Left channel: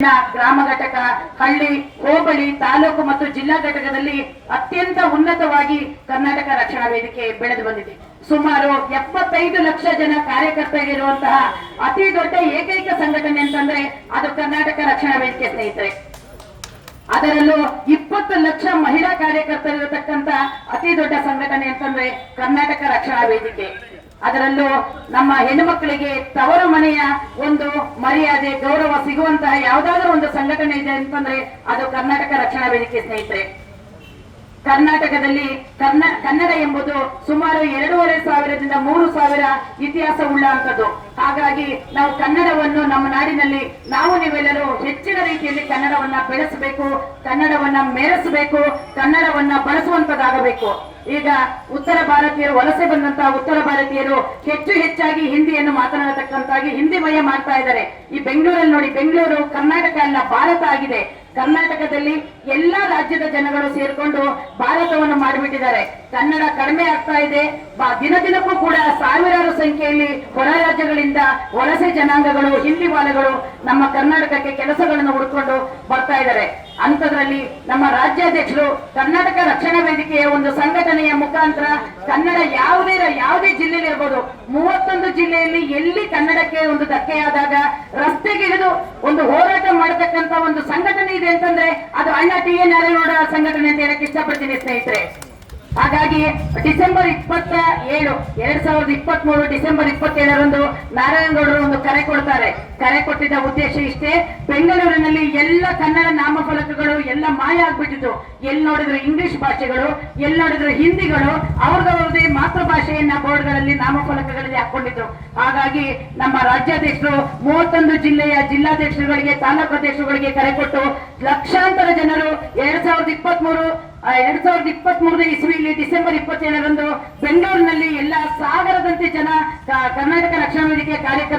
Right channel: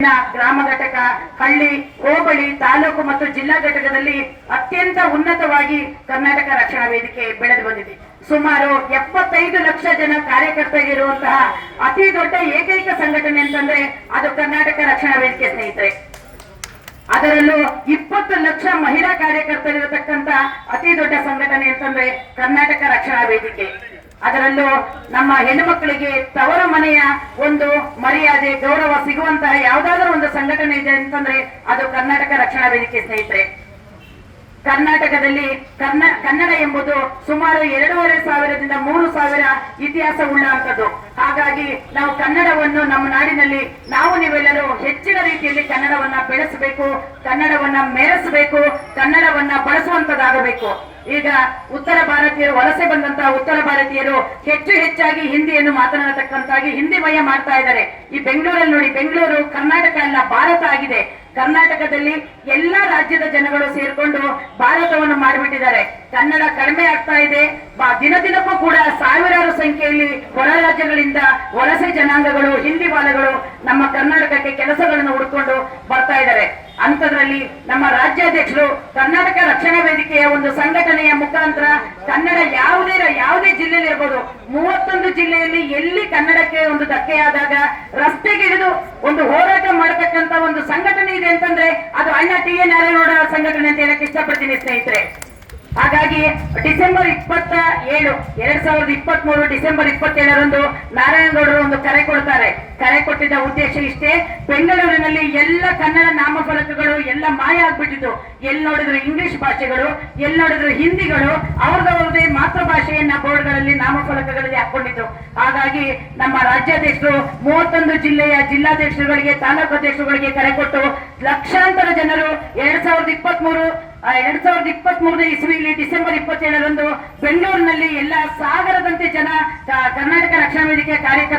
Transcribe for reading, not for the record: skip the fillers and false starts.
ಗ್ರಾಮ ಘಟಕ, ಹಳ್ಳಿ, ಹೋಬಳಿ, ತಾಲೂಕು ಮತ್ತು ಜಿಲ್ಲಾ ಘಟಕದಲ್ಲಿ ಅತ್ಯಂತ ಉನ್ನತವಾಗಿ ಕರ್ನಾಟಕ ರಕ್ಷಣಾ ವೇದಿಕೆ ಬೆಳೆದು ಬಂದಿದೆ. ಸುಮಾರು 75 ಲಕ್ಷ ಜನ ಕಾರ್ಯಕರ್ತರಿರುವಂತಹ ಅತಿ ದೊಡ್ಡ ಏಕೈಕ ಸಂಘಟನೆ ಅಂತಂದ್ರೆ ಅದು ಕರ್ನಾಟಕ ರಕ್ಷಣಾ ವೇದಿಕೆ ಸ್ನೇಹಿತರೆ. ಅದರಲ್ಲೂ 20 ಲಕ್ಷ ಮಹಿಳಾ ಕಾರ್ಯಕರ್ತರಿರತಕ್ಕಂತ ಅತಿ ದೊಡ್ಡ ಸಂಘಟನೆ ಅಂತಂದ್ರೆ ಕರ್ನಾಟಕ ರಕ್ಷಣಾ ವೇದಿಕೆ. ಅದರಲ್ಲೂ ನಮ್ಮ ಹೆಣ್ಣು ಮಕ್ಕಳಿಗೆ ತವರ ಮನೆಯ ಒಂದು ಮರ್ಯಾದೆ, ಗೌರವ ಸಿಗುವಂತಹ ಯಾವುದಾದ್ರೂ ಒಂದು ಸಂಘಟನೆ ಇದೆ ಅಂತಂದ್ರೆ ಅದು ಕರ್ನಾಟಕ ರಕ್ಷಣಾ ವೇದಿಕೆ ಸ್ನೇಹಿತರೆ. ಕರ್ನಾಟಕದಲ್ಲಿ ಕನ್ನಡ ಎಂಬುದು ಸುಮಾರು 2500ದಿಂದ 3000 ಇತಿಹಾಸ ಉಳ್ಳಂಥದ್ದು. ಹಾಗಾಗಿ ನಾವು ಕನ್ನಡವನ್ನು ನಮ್ಮ ನಾಡಿನಲ್ಲಿ ನೀವೆಲ್ಲರೂ ಹೆಚ್ಚಿನ ರೀತಿಯಲ್ಲಿ ಕನ್ನಡವನ್ನ ಬೆಳೆಸಬೇಕು, ಕನ್ನಡವನ್ನ ಮೆರೆಸಬೇಕು, ಕನ್ನಡವನ್ನ ಬಳಸುವಂತದ್ದಾಗಬೇಕು. ಈಗ ಉತ್ತರ ಭಾರತೀಯರು ವಲಸೆ ಬಂದಂತಹ ಉತ್ತರ ಭಾರತೀಯರು ಹೆಚ್ಚಾಗಿ ಹಿಂದಿಯನ್ನು ಮಾತನಾಡತಕ್ಕಂತಾಗಿ ಹಿಂದಿಮಯ ಮಾಡ್ತಾ ಇದ್ದಾರೆ. ಈ ಬೆಂಗಳೂರಲ್ಲಿ ನೋಡಿ, ಬೆಂಗಳೂರು ಕರ್ನಾಟಕ ಅಲ್ಲ ಭಾರತ ಆಗಿದೆ. ಕರ್ನಾಟಕದಲ್ಲಿ ಎಲ್ಲಾ ರಾಜ್ಯದ ಜನಗಳು ಸೇರ್ಕೊಂಡು ಭಾರತವನ್ನು ಮಾಡಿಬಿಟ್ಟಿದ್ದಾರೆ. ಕನ್ನಡ ಕಡಿಮೆ ಆಗ್ತಾ ಇದೆ. ದಿನಕ್ಕೂ ಕೂಡ ಸಾವಿರಾರು ಸಂಖ್ಯೆಯಲ್ಲಿ ಹೊರ ರಾಜ್ಯಗಳಿಂದ ವಲಸೆ ಜನಾಂಗಗಳು, ಹಿಂದಿ ವಾಲಗಳು ನಮ್ಮ ಕರ್ನಾಟಕಕ್ಕೆ ಕೆಲಸಗಳನ್ನು ಹುಡುಕೊಂಡು ಬರ್ತಾ ಇದ್ದಾರೆ. ಅಂಥದ್ರಲ್ಲಿ ನಮ್ಮ ರಾಜ್ಯಾಧ್ಯಕ್ಷರು ಕರ್ನಾಟಕ ರಕ್ಷಣಾ ವೇದಿಕೆಯ ಒಂದು ಸಂಘಟನೆಯ ಮುಖಾಂತರ ಕನ್ನಡ ಯಾವುದೇ ಜಿಲ್ಲೆಯಲ್ಲಿ ಇರ್ಬೋದು, 31 ಜಿಲ್ಲೆಯಲ್ಲಿ ಎಲ್ಲಿ ಕನ್ನಡಕ್ಕೆ ಒಂದು ಧಕ್ಕೆಯಾದಾಗ ರಸ್ತೆಗಿಳಿದು ಒಂದು ಹೋರಾಟ ಮಾಡತಕ್ಕಂತ ಒಂದು ಸಂಘಟನೆ ಇದೆ ಅಂತಂದ್ರೆ ಅದು ಅಣ್ಣ ಟಿ.ಎನ್. ನಾರಾಯಣಗೌಡ ಸಂಘಟನೆ ಅಂತ ಹೇಳಕ್ಕೆ ಇಷ್ಟಪಡ್ತೀನಿ ಸ್ನೇಹಿತರೆ. ಹಾಗಾಗಿ ಡಿಸೆಂಬರ್ 27, 2023 ಡಿಸೆಂಬರ್ 27ರಂದು ನಾರಾಯಣಗೌಡರು ಒಂದು ಕರೆ ಕೊಡ್ತಾರೆ. ಕರೆ ಕೊಟ್ಟಿದ್ದ ಉದ್ದೇಶ ಇಷ್ಟೇ: ಬೆಂಗಳೂರಿನಲ್ಲಿ ಎಲ್ಲ ಕನ್ನಡ ನಾಮಫಲಕಗಳು ಎಲ್ಲ ಮಾಯ ಆಗ್ಬಿಟ್ಟಿತ್ತು. ಎಲ್ಲಿ ನೋಡಿದ್ರು ಇಂಗ್ಲಿಷ್ ಭಾಷೆಗಳು, ಎಲ್ಲಿ ನೋಡಿದ್ರು ಹಿಂದಿಗಳು, ಅವ್ರದವ್ರದೇ ಮಾತೃಭಾಷೆಯನ್ನ ಬೋರ್ಡ್ಗಳಲ್ಲಿ ನಾಮಫಲಕಗಳಲ್ಲಿ ಹಾಕೊಂಡಿದ್ದು. ಹಾಗಾಗಿ ನಮ್ಮ ರಾಜ್ಯಾಧ್ಯಕ್ಷರು 31 ಜಿಲ್ಲೆಯ ಜಿಲ್ಲಾಧ್ಯಕ್ಷರುಗಳಿಗೆ, ತಾಲೂಕು ಅಧ್ಯಕ್ಷರುಗಳಿಗೆ ಕರೆ ಕೊಟ್ಟು ಲಕ್ಷಾಂತರ ಜನರು 2023 ಇಸ್ವಿಯಲ್ಲಿ ಡಿಸೆಂಬರ್ 27ರಂದು ಬೆಂಗಳೂರಿನಲ್ಲಿ ಎಲ್ಲ ಸಾಗರದಂತೆ ಜನ ಕರ್ನಾಟಕ ರಕ್ಷಣಾ ವೇದಿಕೆಯ ಕಾರ್ಯಕ್ರಮ